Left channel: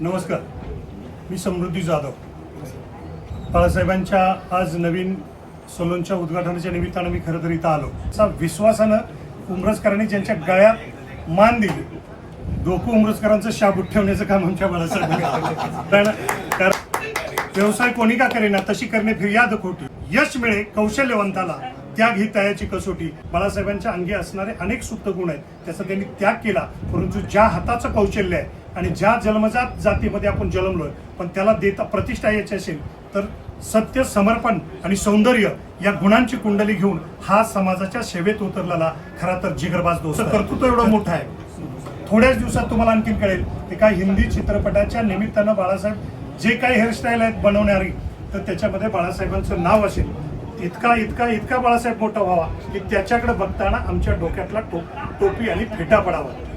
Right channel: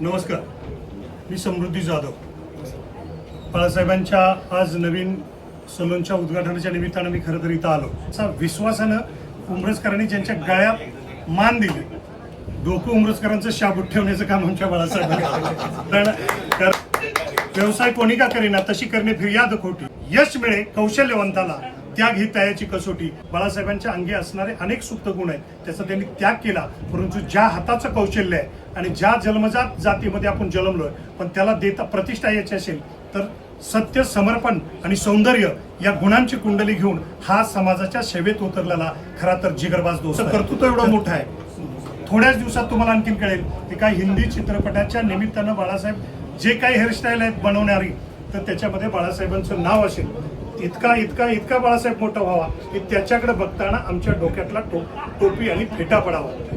नमस्कार, मी समृद्धी जाधव. बाळासाहेबांच्या आज नवीन सलूनच्या उद्घाटनाच्या निमित्तानं मी खरं तर इथं आलो. असा विश्वासानं उमरसकरांनी ज्यांच्या गळ्यात मान दिली, डोकं उमरसकरांचं शाबूत ठेवण्याचं काम आमच्या बाळासाहेबांनी. व्यवसाय कोणी का करेना तशी करणे फिर्याद खोटी, यश मिळे कौशल्यवंताला त्याग ही त्याची कसोटी. बाळासाहेबांच्या अंगी असणारे अनेक सुप्त गुण आहेत, त्याचा त्यांनी त्याग केला. परंतु ज्या हाताचं कौशल्य आहे आणि ज्या जन्मजात जातीमध्ये आपण जन्मलोय, पण त्याला देता प्रतिष्ठा यायची असेल तर सत्य, समर्पण आणि सौंदर्य या गुणांची कुंडली घेऊन हा समाजाच्या सेवेत उतरलेला खरा तर जिगरबाज दोस्त. कर्तृत्व एवढं मोठं आहे, थोड्याच दिवसात तुम्हाला आणखीन कळेल की काय हिंदी चित्रपटाच्या निमित्तानं बाळासाहेब जे काही हेअरस्टाईल आहेत बनवणारी, तर त्याच्यामध्ये बाळासाहेबांचं नाव असेल. इतका इतका इतका बाळासाहेब मोठा व्हावा की त्याच्याकडे बघताना आमच्या डोक्यातला टोपी आणि फेटा पडावा.